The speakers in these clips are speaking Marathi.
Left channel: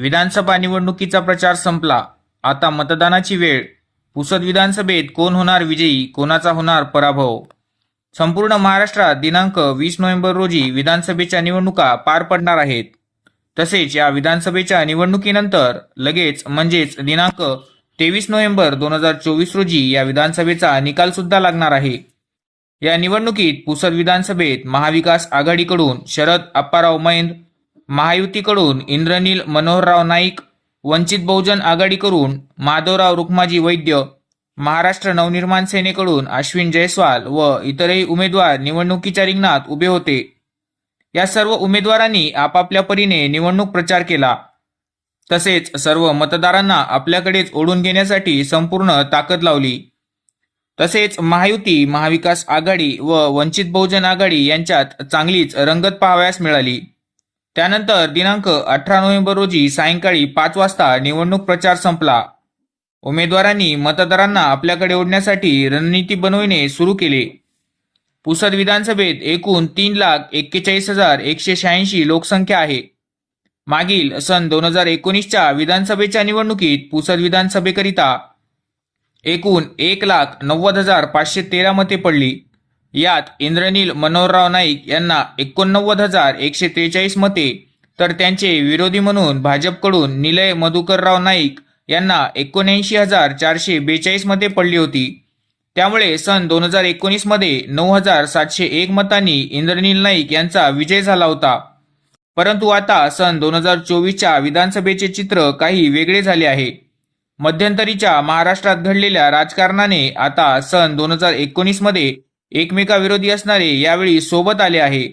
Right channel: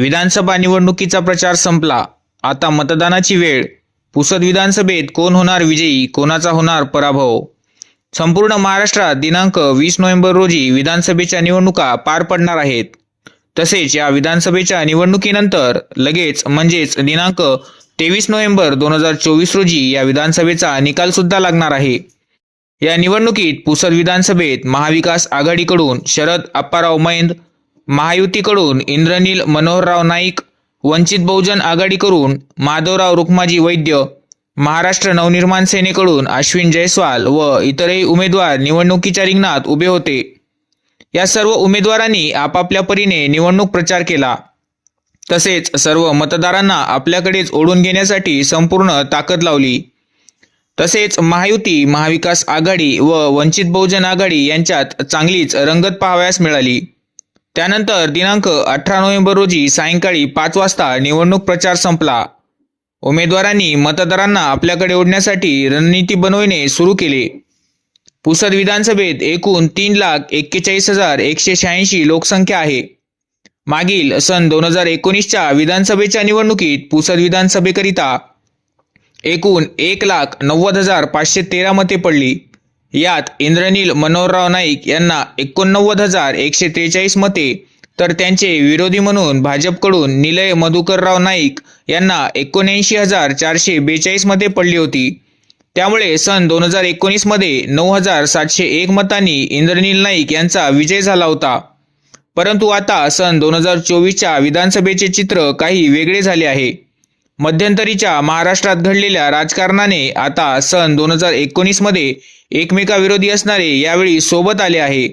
विधानसभा निवडणुकीचा प्रचार संपला. आता मतदानाची वेळ. पुसद विधानसभेत कोण होणार विजयी कोणाचा होणार पराभव? संपूर्ण महाराष्ट्रात दिनांक वीस नोव्हेंबर रोजी विधानसभेच्या निवडणुका पार पडणार आहेत. तसेच या विधानसभेच्या निवडणुकीनंतर लगेच म्हणजेच दिनांक तेवीस नोव्हेंबर दोन हजार चोवीस रोजी या विधानसभेचा निकाल सुद्धा लागणार आहे. या निवडणुकीत पुसद विधानसभेत महाविकास आघाडीकडून शरद अप्पाराव मैंद महायुतीकडून इंद्रनील मनोहरराव नाईक वंचित बहुजन आघाडीकडून माधवराव रुक्माजी वैद्य महाराष्ट्र नवनिर्माण सेनेकडून अश्विन जयस्वाल व इतरही उमेदवार निवडणुकीच्या रिंगणात उभे होते. या सर्व उमेदवारांनी आपापल्या परीने निवडणूक प्रचार केला. तसेच सर्व मतदारांना आपल्याकडेच ओढून घेण्यासाठी संपूर्ण ताकद लावली. तसेच महायुती महाविकास आघाडी व वंचित बहुजन आघाडी यांच्यात चांगलीच रंगत पाहावयास मिळाली. त्यानंतर दिनांक अठरा नोव्हेंबर रोजी सायंकाळी पाच वाजता निवडणूक प्रचार संपला. उमेदवारांनी मतदारांना आपल्याकडे ओढण्यासाठी रणनीती बनविणे सुरू केले. पुसद विधानसभेत एकूण तीन लाख एक्केचाळीस हजार एकशे शहाऐंशी लोकसंख्या आहे. मागील सन दोन हजार एकोणीसच्या विधानसभेच्या निवडणुकीत पुसद विधानसभेकरिता एकूण एक लाख नव्वद हजार पाचशे तेरा मते पडली. यात इंद्रनील मनोहरराव नाईक यांना एकोणनव्वद हजार एकशे त्रेचाळीस मते तर त्यांचे विरोधी म्हणून भाजपकडून निलय मधुकरराव नाईक यांना एकोणऐंशी हजार चारशे बेचाळीस मते पडली होती. त्यामुळे सन दोन हजार एकोणीसमध्ये नऊ हजार सातशे एक मतांनी इंद्रनील नाईक यांचा विजय झाला होता. परंतु आता सन दोन हजार चोवीसच्या विधानसभेचे चित्र काही वेगळे झाले आहे. मध्यंतरीच्या महाराष्ट्रात घडलेल्या राजकारणाने आता सन दोन हजार एकोणीसमध्ये एकमेकाविरोधी असणारे यावेळी सोबत आले आहे.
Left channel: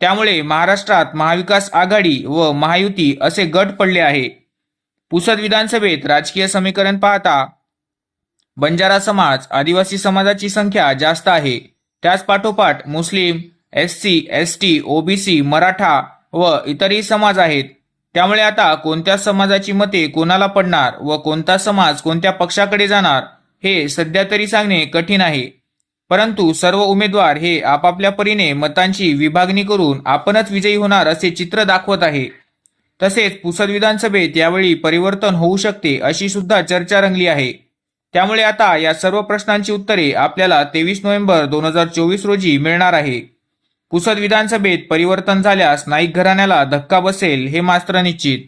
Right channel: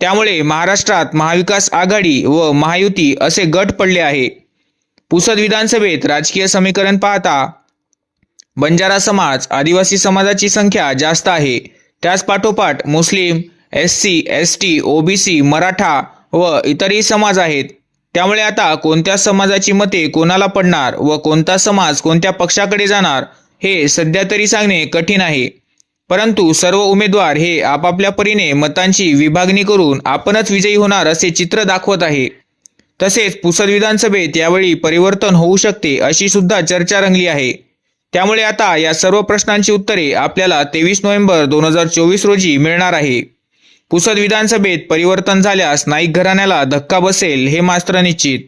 त्यामुळे महाराष्ट्रात महाविकास आघाडी व महायुती असे गट पडले आहे. पुसद विधानसभेत राजकीय समीकरण पाहता बंजारा समाज आदिवासी समाजाची संख्या जास्त आहे. त्याच पाठोपाठ मुस्लिम S C S T OBC Maratha व इतरही समाज आहेत. त्यामुळे आता कोणत्या समाजाची मते कोणाला पडणार व कोणता समाज कोणत्या पक्षाकडे जाणार हे सध्या तरी सांगणे कठीण आहे. परंतु सर्व उमेदवार हे आपापल्या परीने मतांची विभागणी करून आपणच विजयी होणार असे चित्र दाखवत आहे. तसेच पुसद विधानसभेत यावेळी परिवर्तन होऊ शकते अशी सुद्धा चर्चा रंगली आहे. त्यामुळे आता या सर्व प्रश्नांची उत्तरे आपल्याला तेवीस नोव्हेंबर दोन हजार चोवीस रोजी मिळणार आहे. पुसद विधानसभेत परिवर्तन झाल्यास नाईक घराण्याला धक्का बसेल हे मात्र निश्चित